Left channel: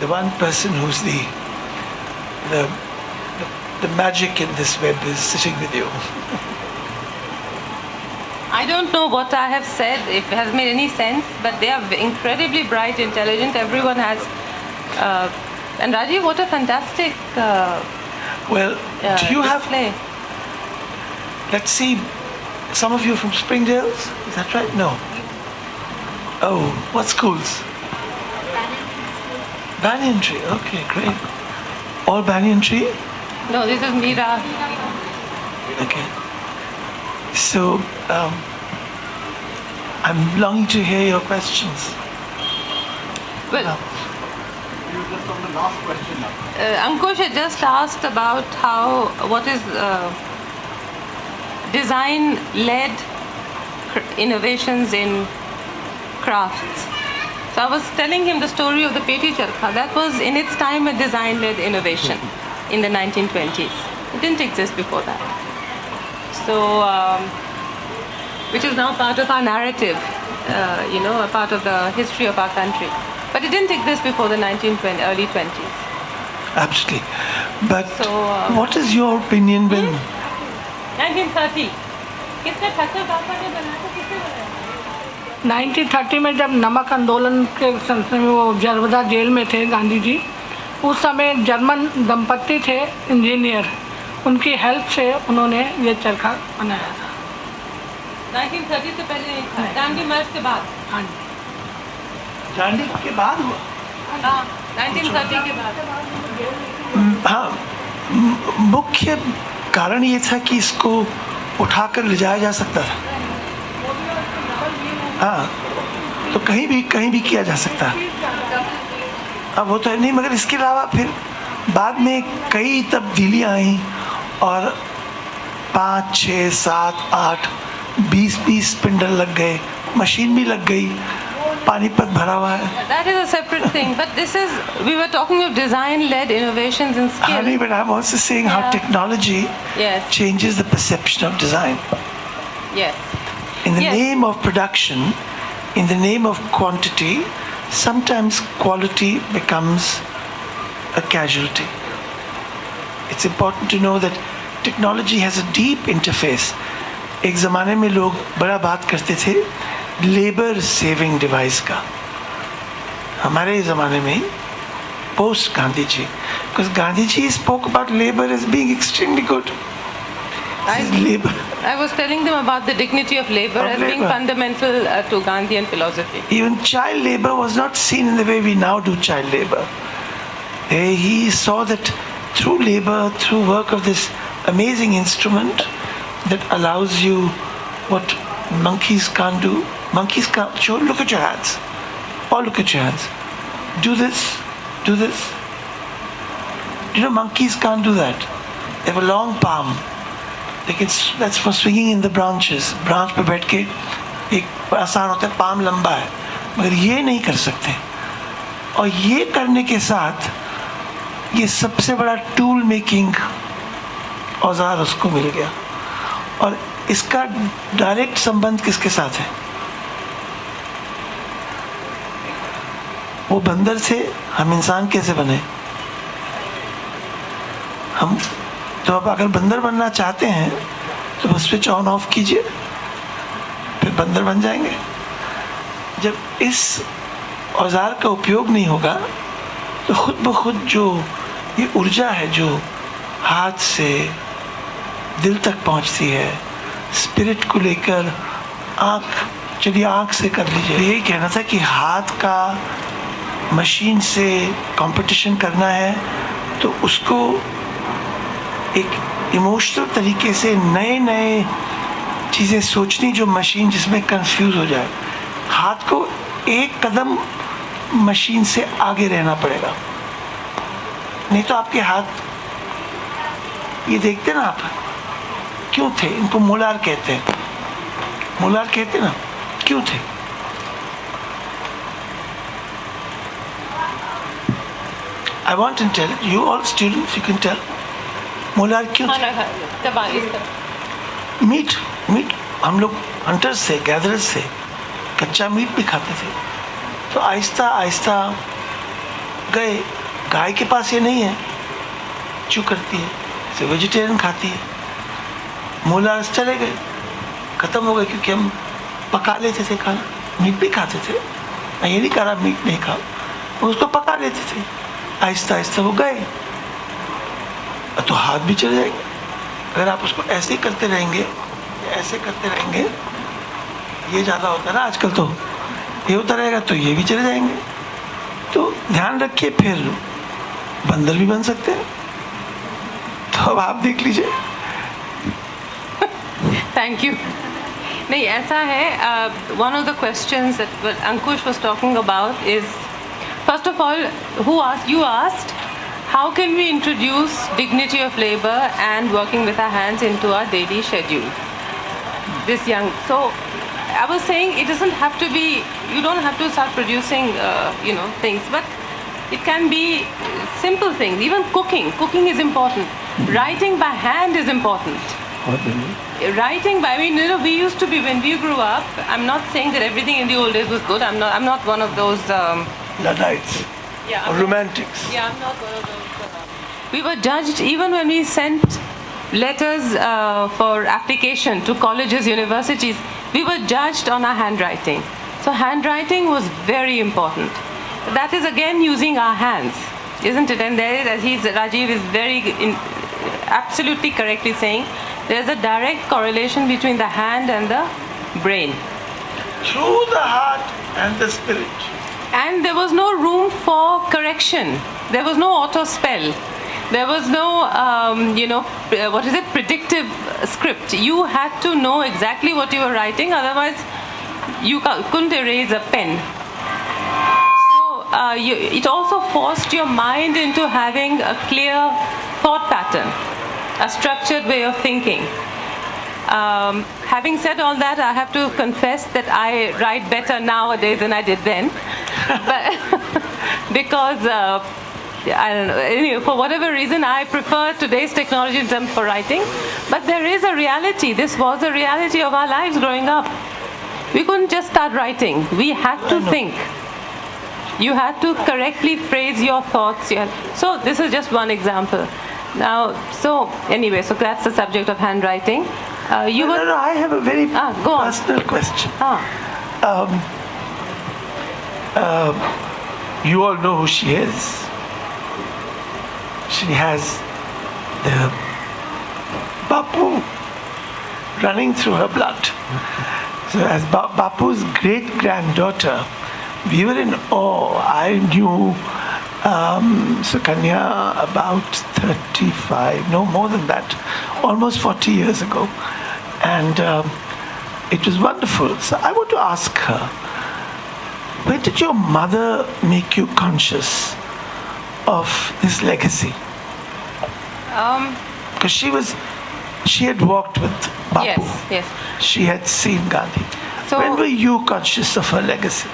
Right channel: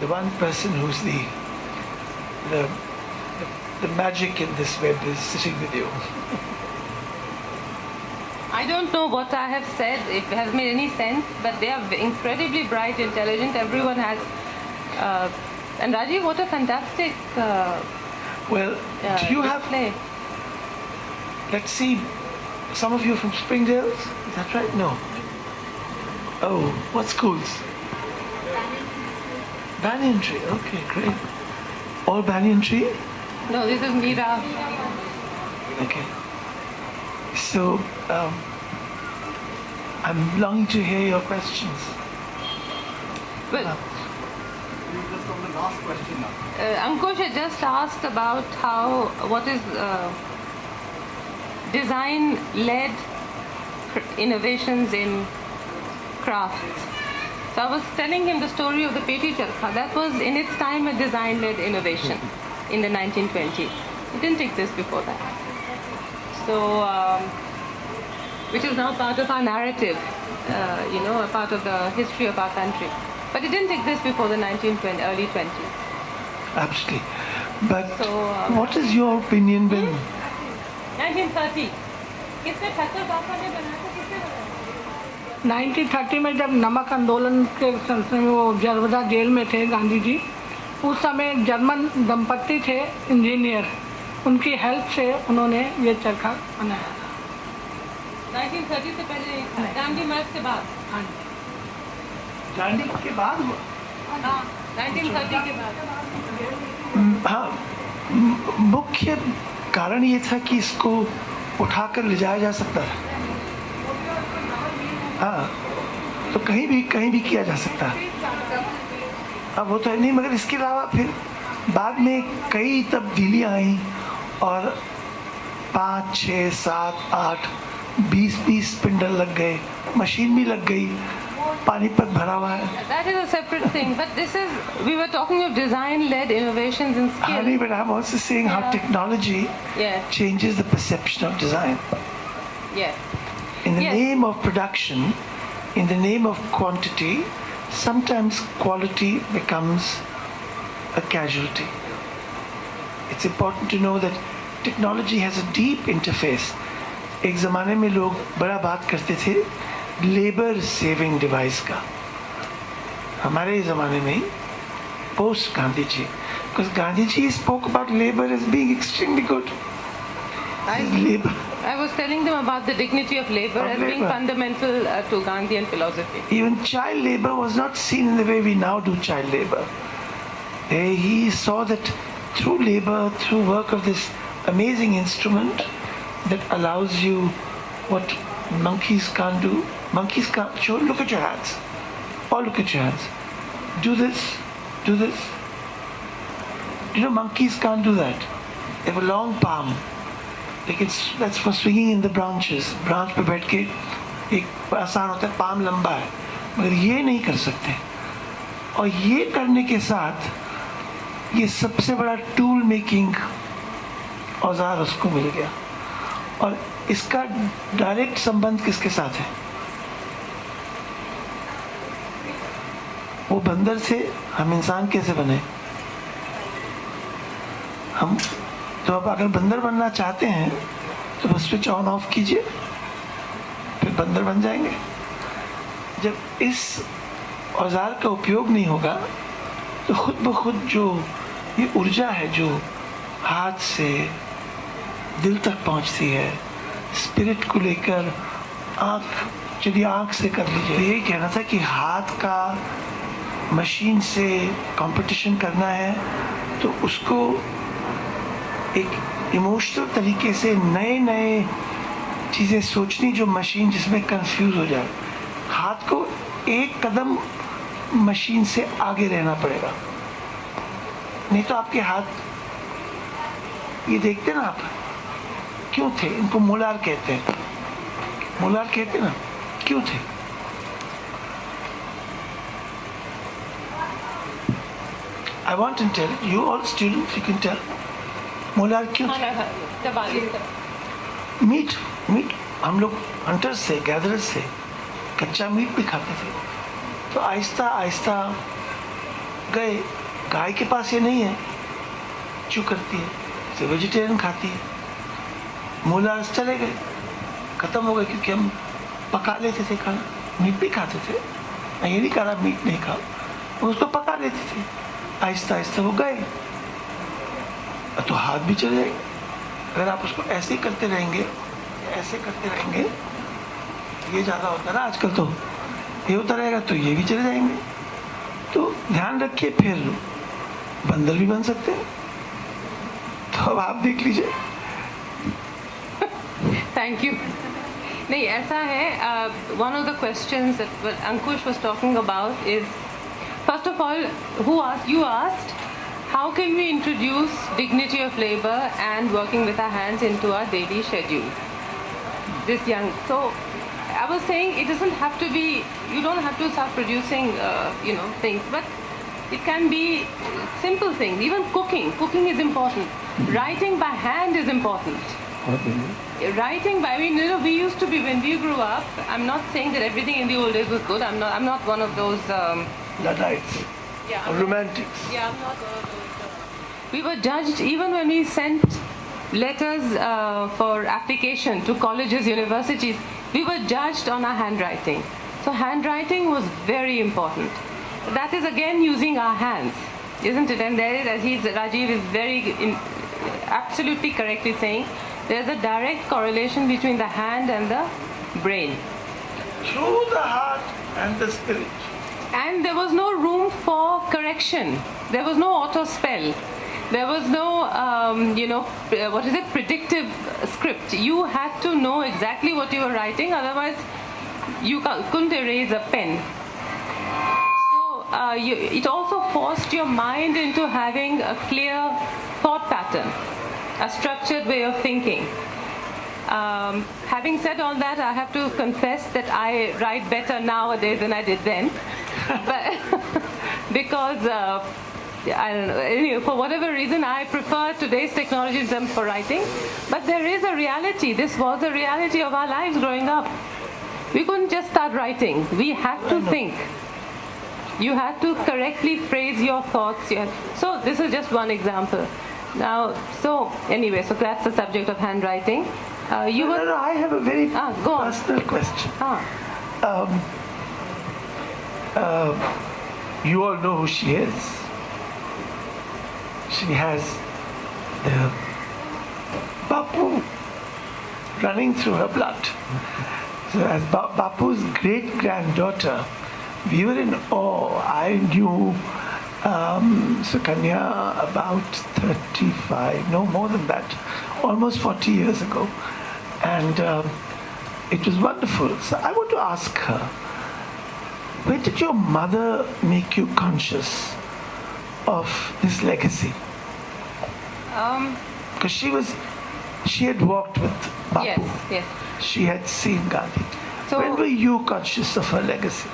The one person who's the magic in this web is sitting with you. I don't know what I have said, if it has made any sense, but they are incredibly bright, intelligent. Everyone has. And Rajeev, what a fantastic Well, do you display. have... Let's see, some of you from Springdale's? Is that right? No. Oh, what schools? Banyan Tree. Okay, great. All Banyan Tree? No, this is Meera. Okay. So, I'm longing to hear your questions. Well, Just on the last question now. Ankush had just asked about what is design-led innovations in crafts. So I was telling him the story of the Peti Charkha. That was in its time a design-led innovation in the 1920s. It didn't exist before that. So, which is now part of our narrative, a part of the history of our country. But it didn't exist before the early 20s. Absolutely. But So, what is your opinion when... 1930. किसने ठक्कर बाबा ने बनाया था, किसने बनाया? 1930 में जब नमक आंदोलन के सिलसिले में वो जरवदा जेल में थे गांधी जी, उस समय जर्मन दंपत्ति थे इंजीनियर, उनकी हेल्प से उन्होंने ये चरखा बनाया था। 1930 से पहले नहीं था, गांधी मार्च के बाद। हाँ जी, गांधी के बाद हुआ? हाँ, 1930 के बाद। हाँ, मुख्य कारण ये था कि इसको उठाकर ले जाया जा सकता था। हाँ, तो कहीं भी किया जा सकता है। अब वो तो है नहीं, मगर इसके अलावा फिर बाद में कई तब्दीलियाँ आई और 5, 6, 7, 8, 20 स्पिंडल लग गए, मशीन भी लग गई, पानीपत भरा हुआ है। That is a separate thing, but we were talking of design-led innovations in skill. Honey, but I'm also saying how technology changes the perception of design. Yes. In the name of production, in the name of quantity, sometimes quality becomes a casualty. It's important to know that technology has a deep interface. एक ज़माने में लोग बड़ा बात करते थे labour saving device का, हमारे ज़माने में post Gandhi ji, because Gandhi ji spoke about labor as being extremely good. I was telling them about the dignity of labor as being fundamental to Gandhian philosophy. Even child labor was not seen in the way we now do child labor. He saw that through labor, through work of this amazing instrument that allows you what monkeys can't do. Monkeys can't. Show, look at your hands. Or look at your hands. Do this. Do this. You know, monkeys can't do that. They have a long palm. That's for swinging in the branches. Branch पे बैठ के एक आसान होता है, palm लंबा है, मगर ये नहीं कर सकते। और ये करने के साथ ये सबसे बड़ा टूल मेकिंग औजार उसको मिल गया। और इसका डायरेक्ट संबंध किसके साथ है? वो बंदर से हम इंसान कैसे बने? हम तो अब अगर बंदर बनना चाहते हैं तो बस स्विच ऑन ऑफ कीजिए, फिर बंदर बन जाएंगे। जब इस औजार का उपयोग नहीं होगा तो खुद ब खुद जो ये ऊर्जा है जो हाथ से दिल तक पहुंचती है, स्पिरिट को लेकर आँख, चलिए आँख से कर लीजिए। यही कहना था कि हाथ का मशीन से कंपटीशन करना है तो उसको एक इमोशनल तरीके से नए नए चीज़ें सोचनी जो मशीन जिसमें कंफ्यूज हो जाए। हाथ को एक कदम मशीन से आगे रहना पड़ेगा, नहीं तो आपके हाथ, ये देखते ना आप, क्यों थे? इनको मोलार कहते हैं, मोलार कहते ना, क्यों थे? I want to tell you all students, you can tell molar क्यों थे? मीट हम लोग हंटर्स थे, गैदरर्स थे, कच्चा मीट भी खाते थे। तो आहिस्ता आहिस्ता गए, गाय के पास ये नहीं है, चू करती है, इसे वेजिटेरियन खाती है, मूला चले गए, खत्म हो गए, क्योंकि हम पका लेते थे खाना, मीट भी खाते थे, मैं ये नहीं कह रहा मीट नहीं खाओ, उसको पका लेते थे, आहिस्ता आहिस्ता वो गए, तो हाथ भी चले जाएंगे। अगर आप उसको ऐसे ही करते रहेंगे, ऐसे करते रहेंगे, ये ज़्यादा होता है ना आजकल, तो ये होता रहेगा तो ये भी चले जाएंगे। तो ध्यान रखिए, फिर बंदर भी बन सकते हैं। तो अब आप देख लीजिए। Thank you. नहीं, ऐसा है, one of the questions that Ankush was talking about is, first of all, you asked how can we introduce dignity of labor and working with our hands into our daily schedule. This young, so I was saying it doesn't have to be, you don't have to start producing things, but it can be simple things. Even cooking is important. Writing by hand is important. Writing by, we used to be, when we grew up, I'm not saying that everything in the old days was good, I'm not one of those Luddites. Yeah, or romantics. Yeah, I'm not one of those. We were judged even when we sent letters for application to colleges, universities. We were judged on our handwriting. So handwriting was very important. That is again using our hands, isn't it? And there is, Rajeev is absolutely correctly saying, there's a direct correlation between the hand and the brain. Through the heart and the spirit. And there was no room for correction. There was no auto spell. There was no, predictive script. You had to know exactly what you were writing, otherwise you couldn't erase a pen. So it also forced your mind into having a clear thought pattern, a structured way of thinking. Having said all that, I have to confess that I write better nowadays than I did then. But because I don't know, anyway, for whatever reason, I prefer today's technology in terms for writing. But there is a reality. This was a reality of our lives growing up. We couldn't just start writing. We had to think. You had to correctly phrase your thoughts. So this is just one example. Now, so that's the subject of handwriting. No, I have a very go on. personal question. You all know who she is. She has the Bapu running through her blood. So as Bapu's great-granddaughter, we were in awe. I knew Sukanya about 35, no more than that, almost 40 years ago. And it was wonderful. So I want to ask her, when did your mother make you conscious of this legacy? Because she had walked with Bapu. Yes. She had seen Gandhi. So, when were you conscious of her legacy?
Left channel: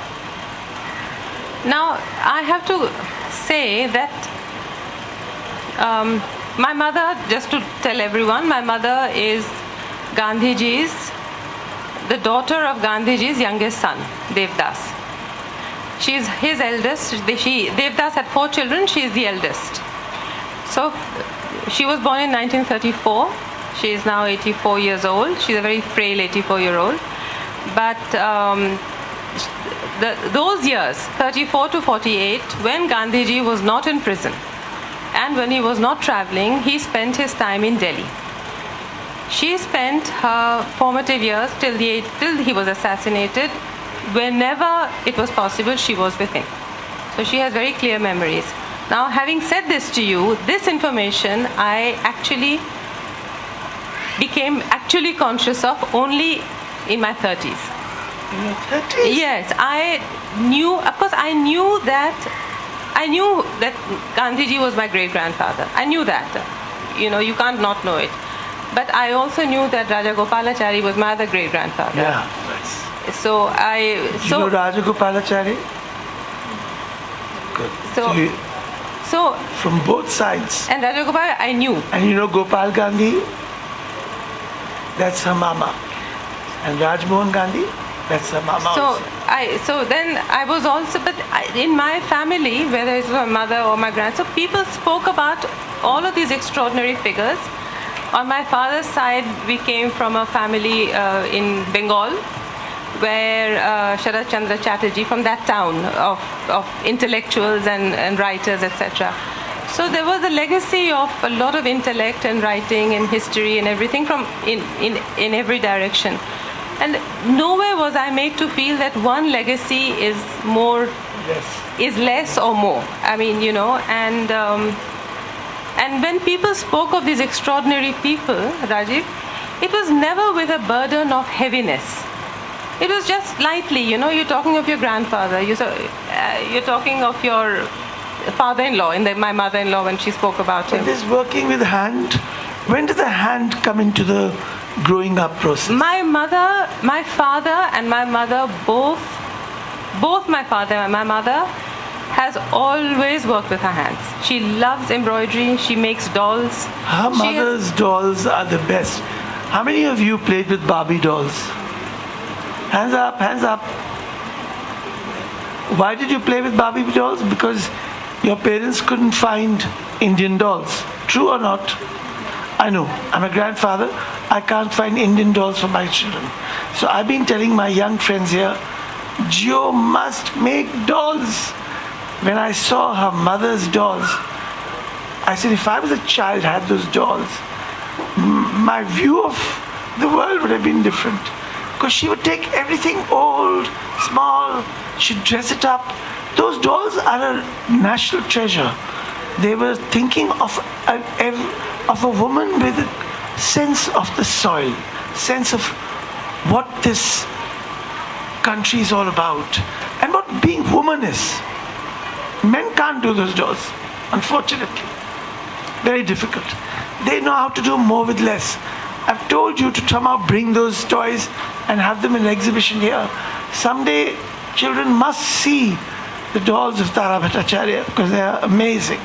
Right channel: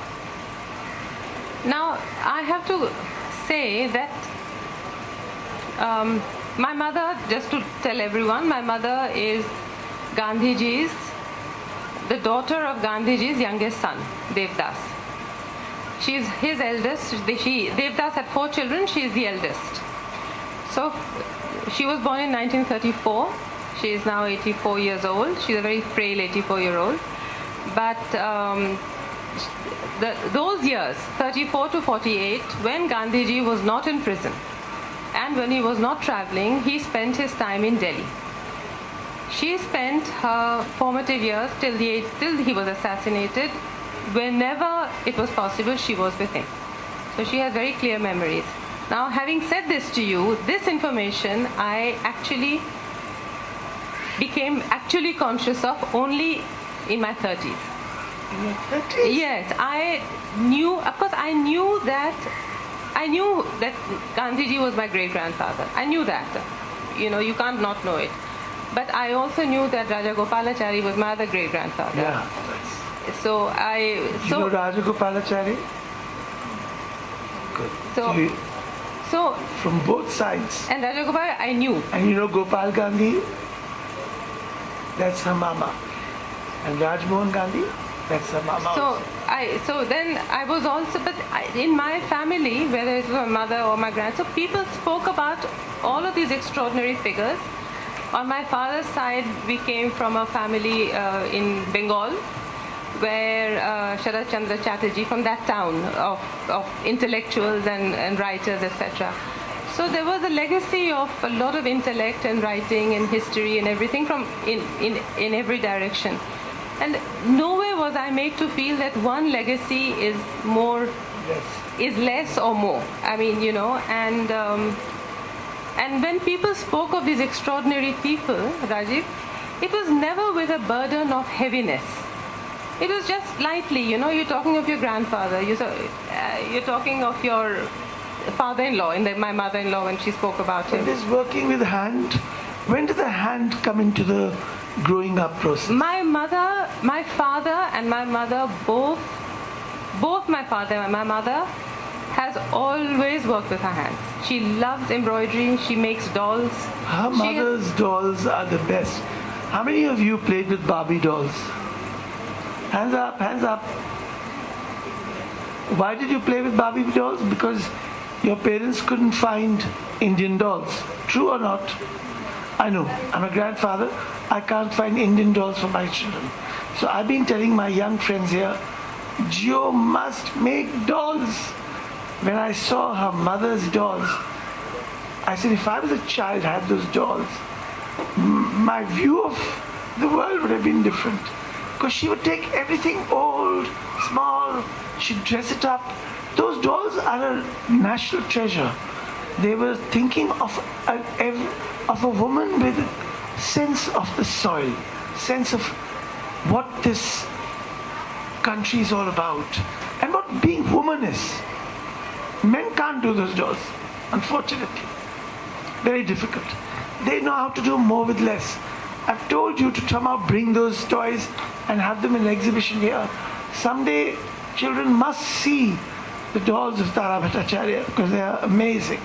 Now, I have to say that my mother, just to tell everyone, my mother is the daughter of Gandhiji's youngest son, Devdas. She is his eldest. Devdas had 4 children. She is the eldest. So she was born in 1934. She is now 84 years old. She's a very frail 84-year-old. But those years, 34 to 48, when Gandhiji was not in prison and when he was not traveling, he spent his time in Delhi. She spent her formative years till he was assassinated. Whenever it was possible, she was with him. So she has very clear memories. Now, having said this to you, this information I actually became conscious of only in my 30s. In your 30s? Yes, I knew that Gandhiji was my great-grandfather. I knew that. You can't not know it. But I also knew that Rajagopalachari was my other great-grandfather. Yeah. So You know Rajagopalachari? Good. So from both sides. And Rajagopal, I knew. And you know Gopal Gandhi? That's her mama. And Rajmohan Gandhi? That's her mama So also. so then I was also, but in my family, whether it's my mother or my grandson, so people spoke about all of these extraordinary figures. On my father's side, we came from a family in Bengal, where Sharat Chandra Chatterjee, from that town of intellectuals and writers, etc. So there was a legacy of a lot of intellect and writing and history and everything from in every direction. And nowhere was I made to feel that one legacy is more, is less or more. I mean, you know, and when people spoke of these extraordinary people, Rajeev, it was never with a burden of heaviness. It was just lightly, you know, you're talking of your grandfather, you're talking of your father-in-law, my mother-in-law when she spoke about him. But this working with hand, when did the hand come into the growing up process? My father and my mother, both my father and my mother has always worked with her hands. She loves embroidery, she makes dolls. Her mother's dolls are the best. How many of you played with Barbie dolls? Hands up, hands up. Why did you play with Barbie dolls? Because your parents couldn't find Indian dolls. True or not? I know. I'm a grandfather. I can't find Indian dolls for my children. So I've been telling my young friends here, Gio must make dolls. When I saw her mother's dolls, I said, if I was a child, had those dolls, my view of the world would have been different. Because she would take everything old, small, she'd dress it up. Those dolls are a national treasure. They were thinking of a woman with a sense of the soil, sense of what this country is all about, and what being woman is. Men can't do those dolls, unfortunately. Very difficult. They know how to do more with less. I've told you to somehow bring those toys and have them in an exhibition here. Someday, children must see the dolls of Tara Bhattacharya because they are amazing.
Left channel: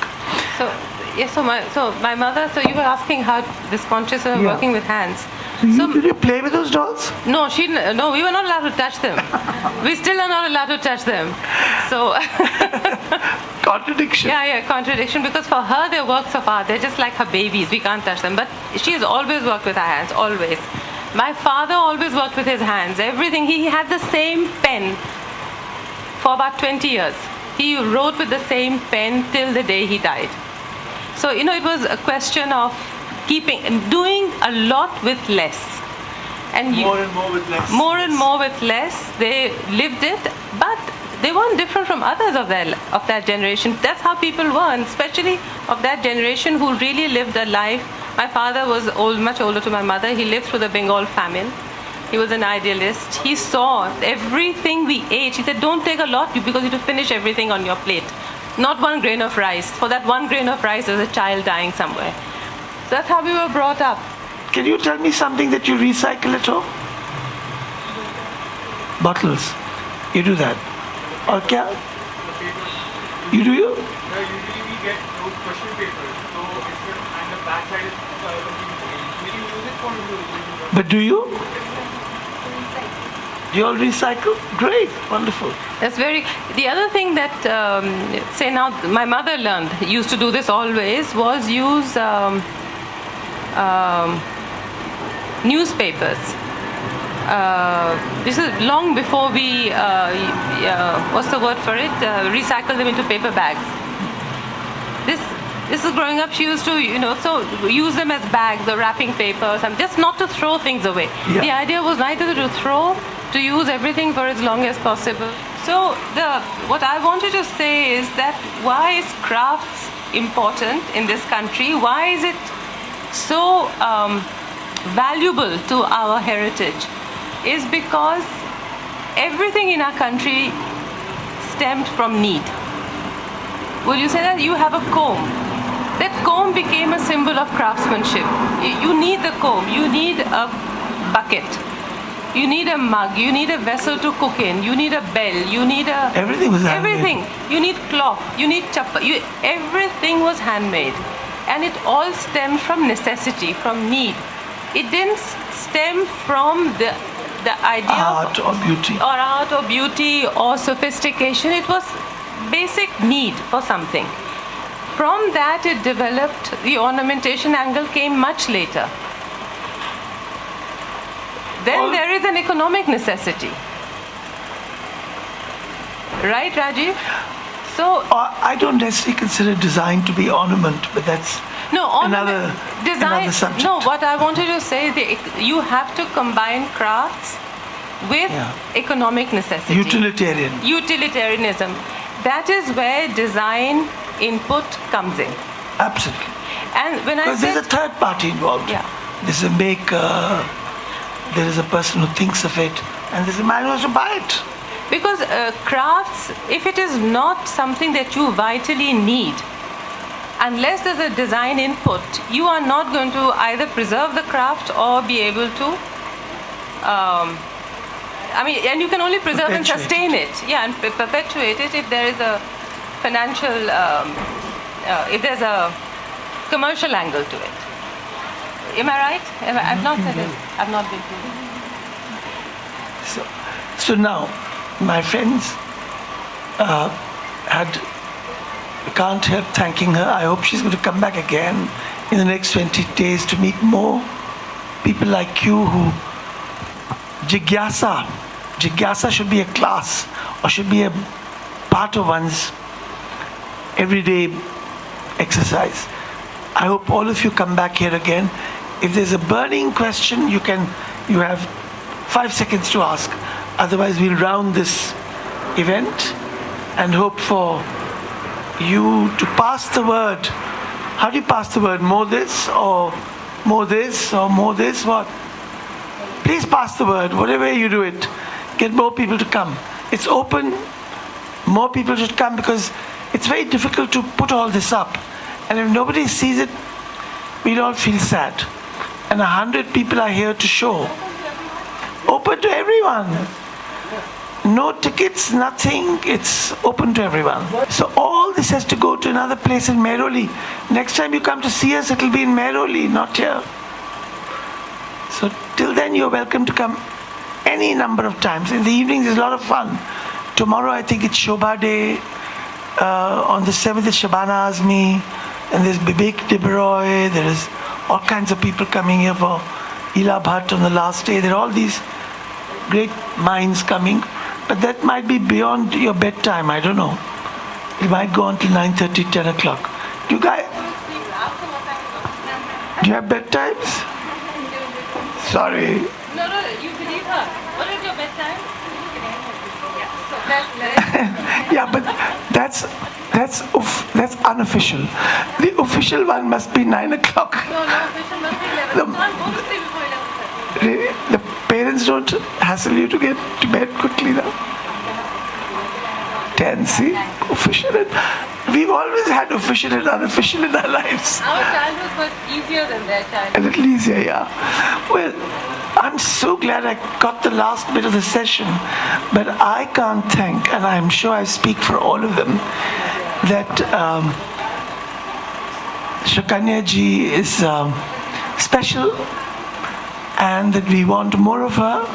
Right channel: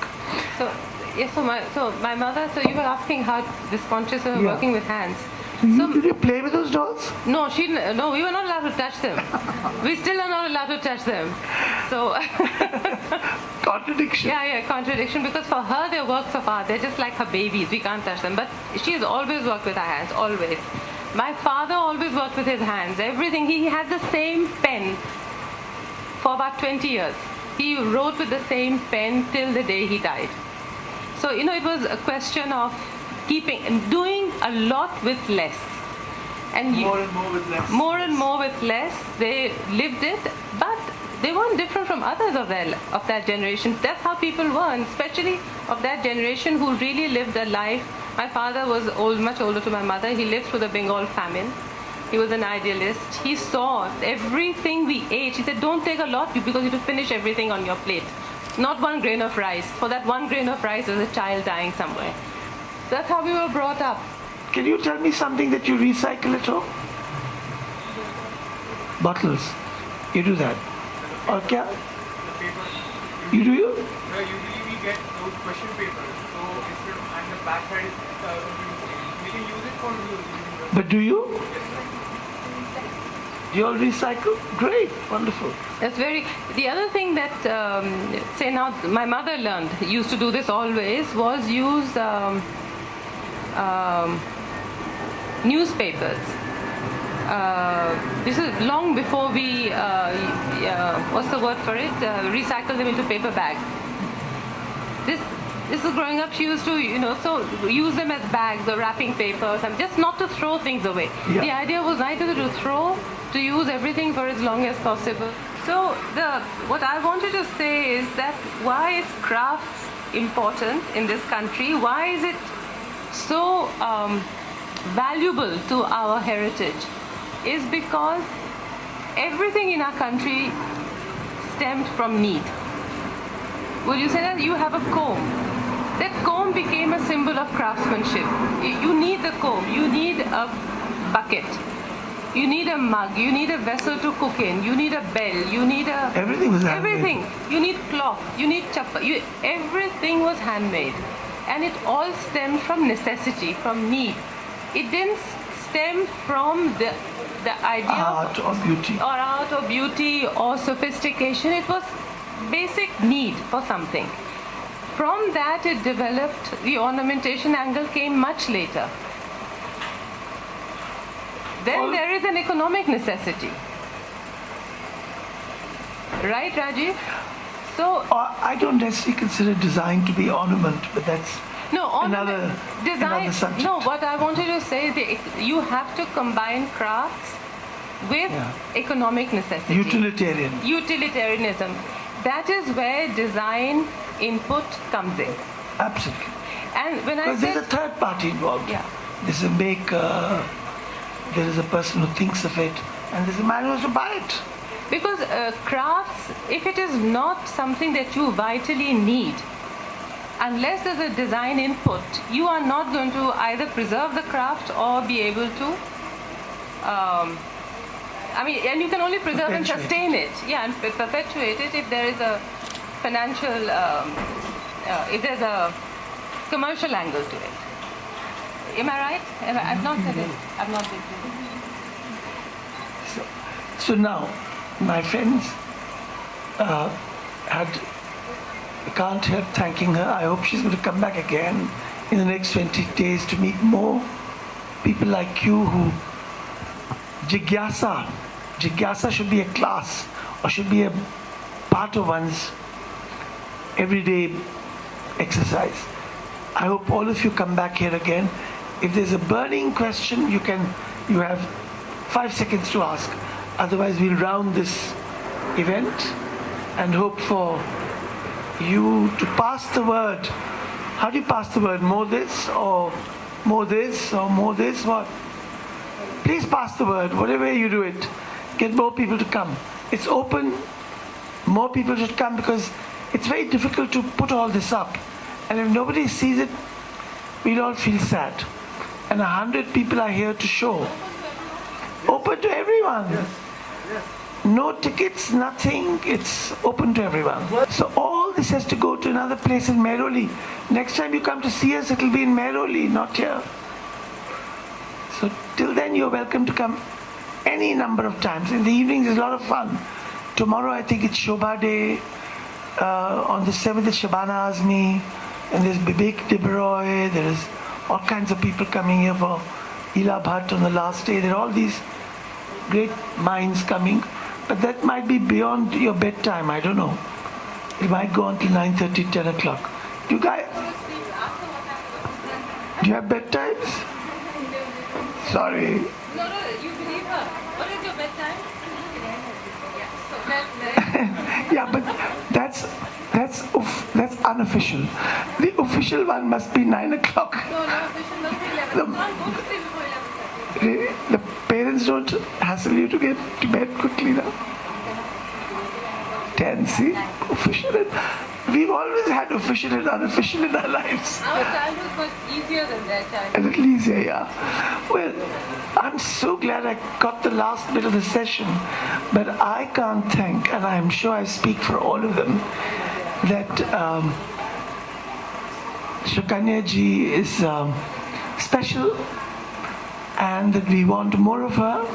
So, yes, so my mother, so you were asking how this conscious of working with hands. Did you play with those dolls? No, no, we were not allowed to touch them. We still are not allowed to touch them. So Contradiction. Yeah, contradiction, because for her they're works of art. They're just like her babies. We can't touch them. But she has always worked with her hands, always. My father always worked with his hands. Everything. He had the same pen for about 20 years. He wrote with the same pen till the day he died. So, you know, it was a question of doing a lot with less. And more and more with less. More and more with less. They lived it, but they weren't different from others of that generation. That's how people were, and especially of that generation who really lived a life. My father was much older to my mother. He lived through the Bengal famine. He was an idealist. He saw everything we ate. He said, don't take a lot because you have to finish everything on your plate. Not one grain of rice. For that one grain of rice, there's a child dying somewhere. So that's how we were brought up. Can you tell me something that you recycle at home? Bottles. You do that. Or kya? You do you? Usually we get those question papers. So if you and the back side is we can use it for you. But do you? You all recycle? Great, wonderful. That's the other thing that, say now, my mother used to do this always, was use newspapers. This is long before we, what's the word for it? Recycle them into paper bags. This is growing up, she used to, so use them as bags or wrapping paper, just not to throw things away. Yeah. The idea was neither to throw, to use everything for as long as possible. So what I wanted to say is that why is crafts important in this country? Why is it so valuable to our heritage? Is because everything in our country stemmed from need. Will you say that? You have a comb. That comb became a symbol of craftsmanship. You need the comb, you need a bucket, you need a mug, you need a vessel to cook in, you need a bell, you need everything was handmade. Everything. You need cloth, you need chappa. Everything was handmade. And it all stemmed from necessity, from need. It didn't stem from the the idea art or beauty. or art or beauty or sophistication. It was basic need for something. From that it developed, the ornamentation angle came much later. Then there is an economic necessity. Right, Rajeev? So I don't necessarily consider design to be ornament, but that's no, another subject. No, what I wanted to say, you have to combine crafts with economic necessity. Utilitarianism. That is where design input comes in. Absolutely. And when because there's a third party involved. Yeah. There's a maker, there is a person who thinks of it, and there's a man who has to buy it. Because crafts, if it is not something that you vitally need, unless there's a design input, you are not going to either preserve the craft or be able to, and you can only preserve and sustain it. Yeah, and perpetuate it if there is a financial, if there's a commercial angle to it. Am I right? I've not said it. I've not been through it. So now, my friends can't help thanking her. I hope she's going to come back again in the next 20 days to meet more people like you who Jigyasa should be a class or should be a part of one's everyday exercise. I hope all of you come back here again. If there's a burning question, you have 5 seconds to ask. Otherwise, we'll round this event and hope for you to pass the word. How do you pass the word? More this or more this or more this? What? Please pass the word, whatever way you do it. Get more people to come. It's open. More people should come because it's very difficult to put all this up. And if nobody sees it, we'll all feel sad. And 100 people are here to show. Open to everyone. No tickets, nothing. It's open to everyone. So all this has to go to another place in Mehrauli. Next time you come to see us, it'll be in Mehrauli, not here. So till then, you're welcome to come any number of times. In the evenings, it's a lot of fun. Tomorrow, I think it's Shobha Day. On the 7th, it's Shabana Azmi. And there's Bibek Deberoy. There is all kinds of people coming here for Ila Bhatt on the last day. There are all these great minds coming. But that might be beyond your bedtime. I don't know. It might go on till 9:30, 10 o'clock. Do you have bedtimes? Sorry. No, you believe her. What is your bedtime? Yeah, but that's unofficial. The official one must be 9 o'clock. No, official must be 11. Can't go to sleep before 11:30. Really? The parents don't hassle you to get to bed quickly now? 10, see? Official. We've always had official and unofficial in our lives. Our childhood was easier than their childhood. A little easier, yeah. Well, I'm so glad I got the last bit of the session, but I can't thank, and I'm sure I speak for all of them, that Sukanya ji is special and that we want more of her.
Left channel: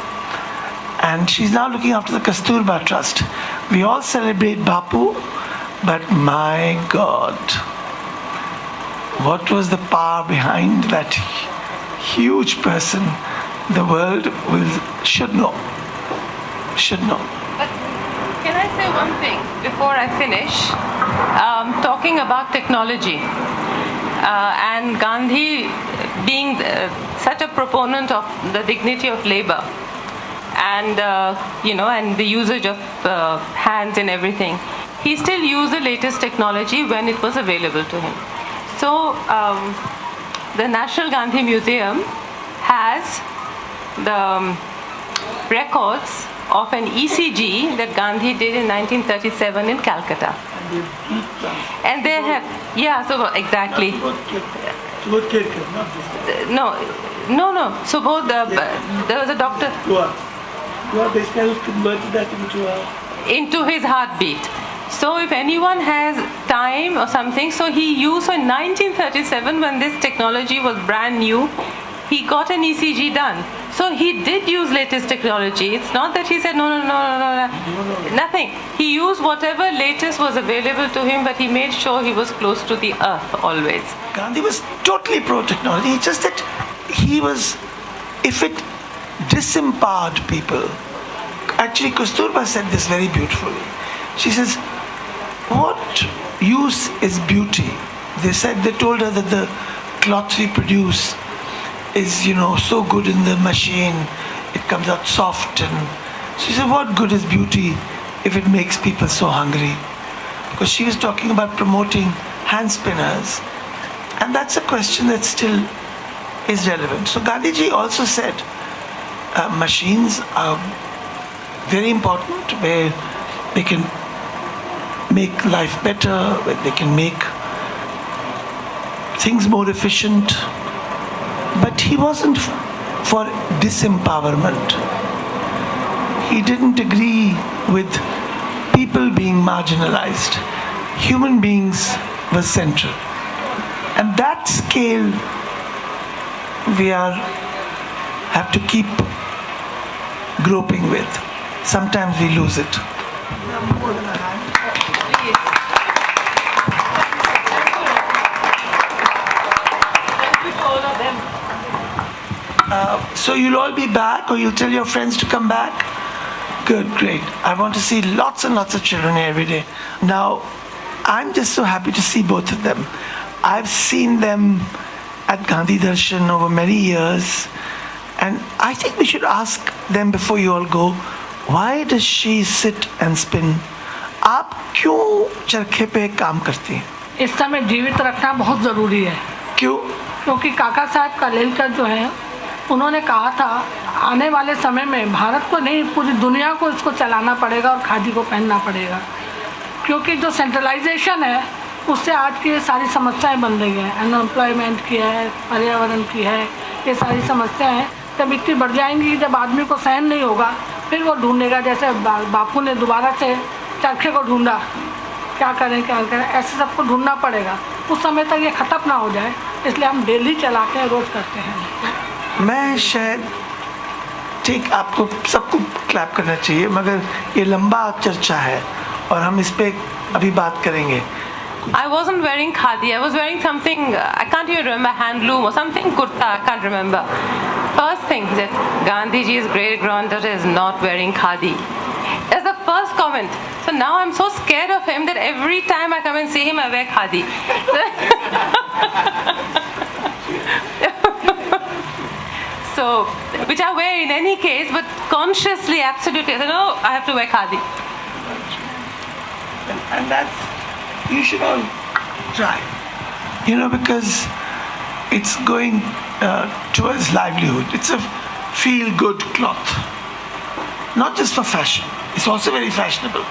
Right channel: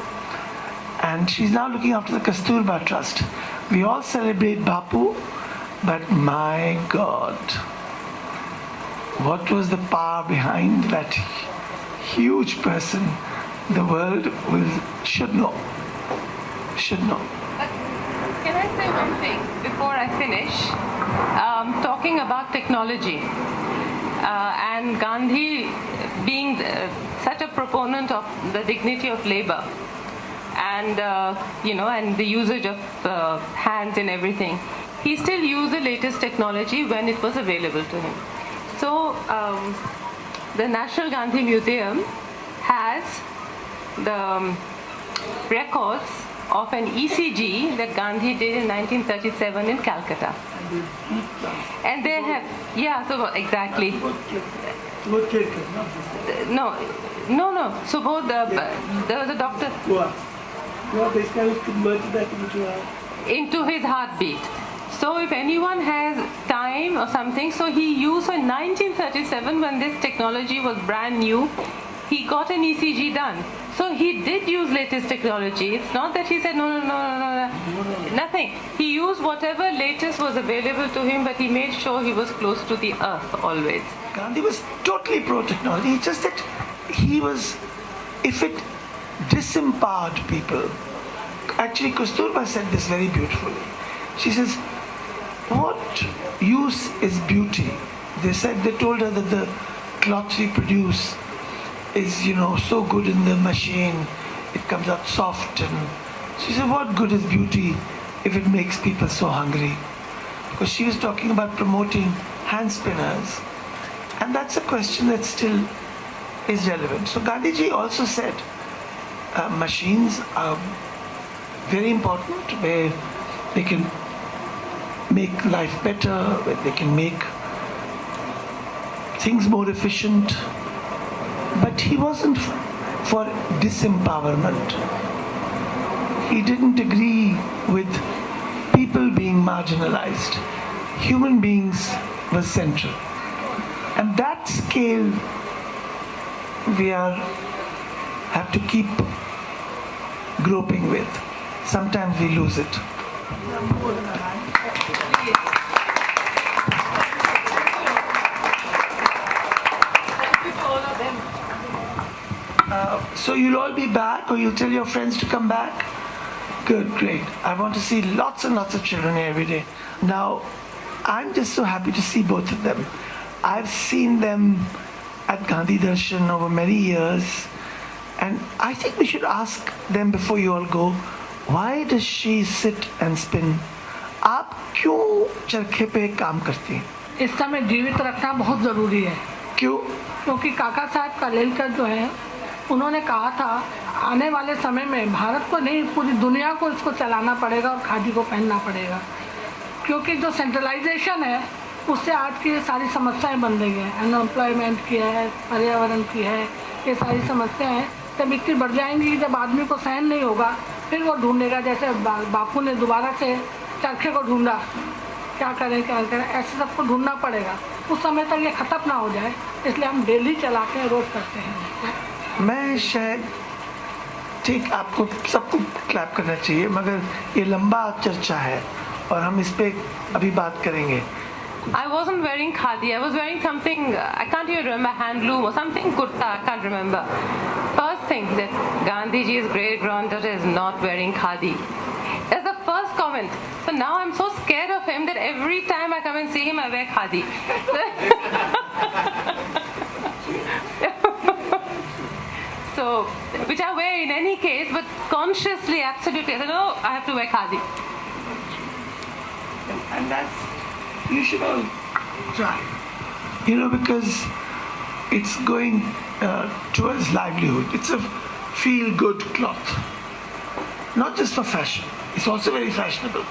And she's now looking after the Kasturba Trust. We all celebrate Bapu, but my God, what was the power behind that huge person? The world should know. Should know. But can I say one thing before I finish? Talking about technology and Gandhi being such a proponent of the dignity of labor and and the usage of hands and everything, he still used the latest technology when it was available to him. So the National Gandhi Museum has the records of an ECG that Gandhi did in 1937 in Calcutta. And they have, exactly. No. So both there was a doctor. Converted that into his heartbeat. So if anyone has time or something, so he used, so in 1937 when this technology was brand new, he got an ECG done. So he did use latest technology. It's not that he said no, nothing. He used whatever latest was available to him, but he made sure he was close to the earth always. Gandhi was totally pro-technology. It's just that he was, if it disempowered people. Actually, Kasturba said this very beautifully. She says, what use is beauty? They told her that the cloth we produce is, so good in the machine. It comes out soft. And she said, what good is beauty if it makes people so hungry? Because she was talking about promoting hand spinners. And that's a question that still is relevant. So Gandhiji also said, machines are very important, where they can make life better, where they can make things more efficient. But he wasn't for disempowerment. He didn't agree with people being marginalized. Human beings were central. And that scale we have to keep groping with. Sometimes we lose it. So you'll all be back, or you'll tell your friends to come back? Good, great. I want to see lots and lots of children here every day. Now, I'm just so happy to see both of them. I've seen them at Gandhi Darshan over many years, and I think we should ask them before you all go, why does she sit and spin? आप क्यों चरखे पे काम करती हैं? इस समय जीवित रखना बहुत ज़रूरी है। क्यों? क्योंकि काका साहब कालेलकर जो है, उन्होंने कहा था आने वाले समय में भारत को नहीं पूरी दुनिया को इसको चलाना पड़ेगा और खादी को पहनना पड़ेगा, क्योंकि जो सेंट्रलाइजेशन है उससे आज की ये सारी समस्याएं बन रही हैं। अनएम्प्लॉयमेंट की है, पर्यावरण की है, ये सारी समस्याएं हैं। जब इतनी बढ़ जाएंगी, जब आदमी को सहन नहीं होगा, फिर वो ढूंढेगा। जैसे बापू ने दोबारा से चरखे को ढूंढा, क्या करें, ऐसे सबको ढूंढना पड़ेगा। उस समय तक ये ख़त्म ना हो जाए, इसलिए हम डेली चलाते हैं, रोज़ करते हैं। मैं शायद ठीक आपको सबको क्लैप करना चाहिए, मगर ये लंबा चर्चा है और हम इस पे अभी बात करेंगे। I wasn't wearing khadi. I was wearing something, I can't even remember, handloom or something, kurta, I can't remember. First thing, that Gandhiji's great granddaughter is not wearing khadi. That's the first comment. So now I'm so scared of him that every time I come and see him, I wear khadi. So, which I wear in any case, but consciously, absolutely, I said, no, I have to wear khadi. And that's, you should all try, because it's going towards livelihood. It's a feel-good cloth, not just for fashion. It's also very fashionable.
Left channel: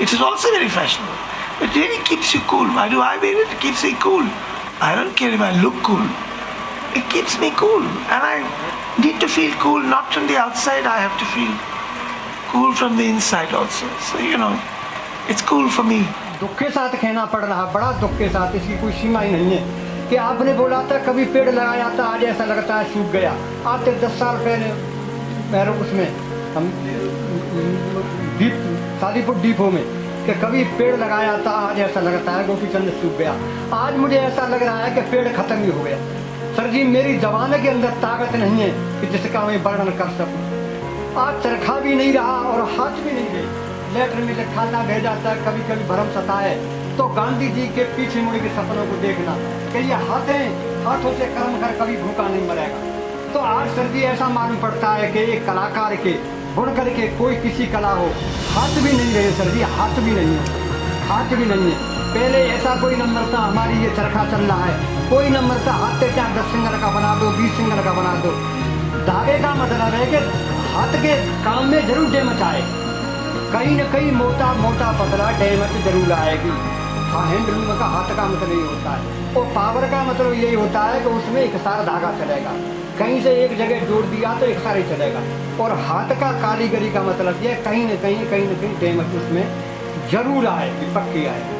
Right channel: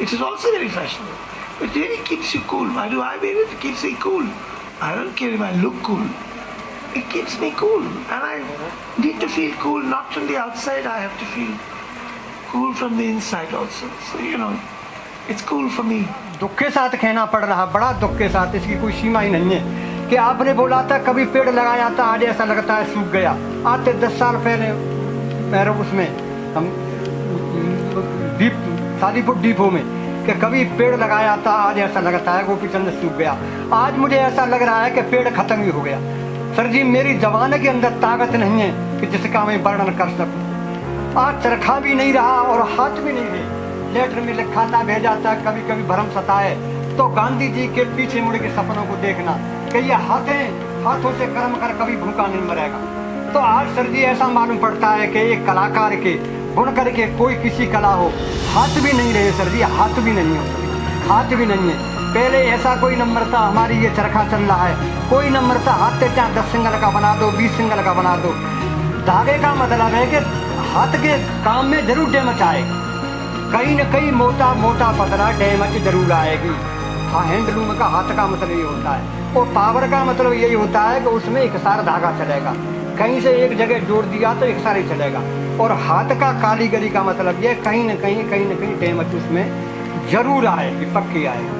It is also very fashionable. It really keeps you cool. Why do I wear it? It keeps me cool. I don't care if I look cool. It keeps me cool. And I need to feel cool, not from the outside. I have to feel cool from the inside also. So, it's cool for me. दुख के साथ कहना पड़ रहा, बड़ा दुख के साथ, इसकी कोई सीमा ही नहीं है। कि आपने बोला था कभी पेड़ लगाया था, आज ऐसा लगता है सूख गया। आज से 10 साल पहले मेरे उसमें हम शादीपुर डिपो में कि कभी पेड़ लगाया था, आज ऐसा लगता है गोपी चंद सूख गया। आज मुझे ऐसा लग रहा है कि पेड़ खत्म ही हो गया। सर जी, मेरी जबान के अंदर ताकत नहीं है कि जिसका मैं वर्णन कर सकूं। आज चरखा भी नहीं रहा और हाथ भी नहीं रहे। लेटर में लिखा था, भेजा था, कभी कभी भरम सताए तो गांधी जी के पीछे मुड़ के सपनों को देखना कि ये हाथों से कर्म कर कभी भूखा नहीं मरेगा। तो आज सर जी ऐसा मालूम पड़ता है कि एक कलाकार के बुनकर के कोई किसी कला हो, हाथ भी नहीं रहे सर जी, हाथ भी नहीं है, हाथ भी नहीं है। पहले ऐसा कोई नंबर था, हमारी ये चरखा चल रहा है, कोई नंबर था, हाथ से चाहे 10 सिंगल का बना दो, 20 सिंगल का बना दो। धागे का मतलब है कि हाथ के काम में जरूर डेमच आए, कहीं न कहीं मोटा मोटा पतला डेमच जरूर आएगी। हाँ, हैंडलूम का हाथ का मतलब ये होता है, और पावर का मतलब यही होता है कि उसमें एक सारा धागा चलेगा, कहीं से एक जगह जोड़ दिया तो एक सारा ही चलेगा। और हाथ का कारीगरी का मतलब ये कहीं न कहीं डेमच उसमें जरूर आएगी, पक्की आएगी।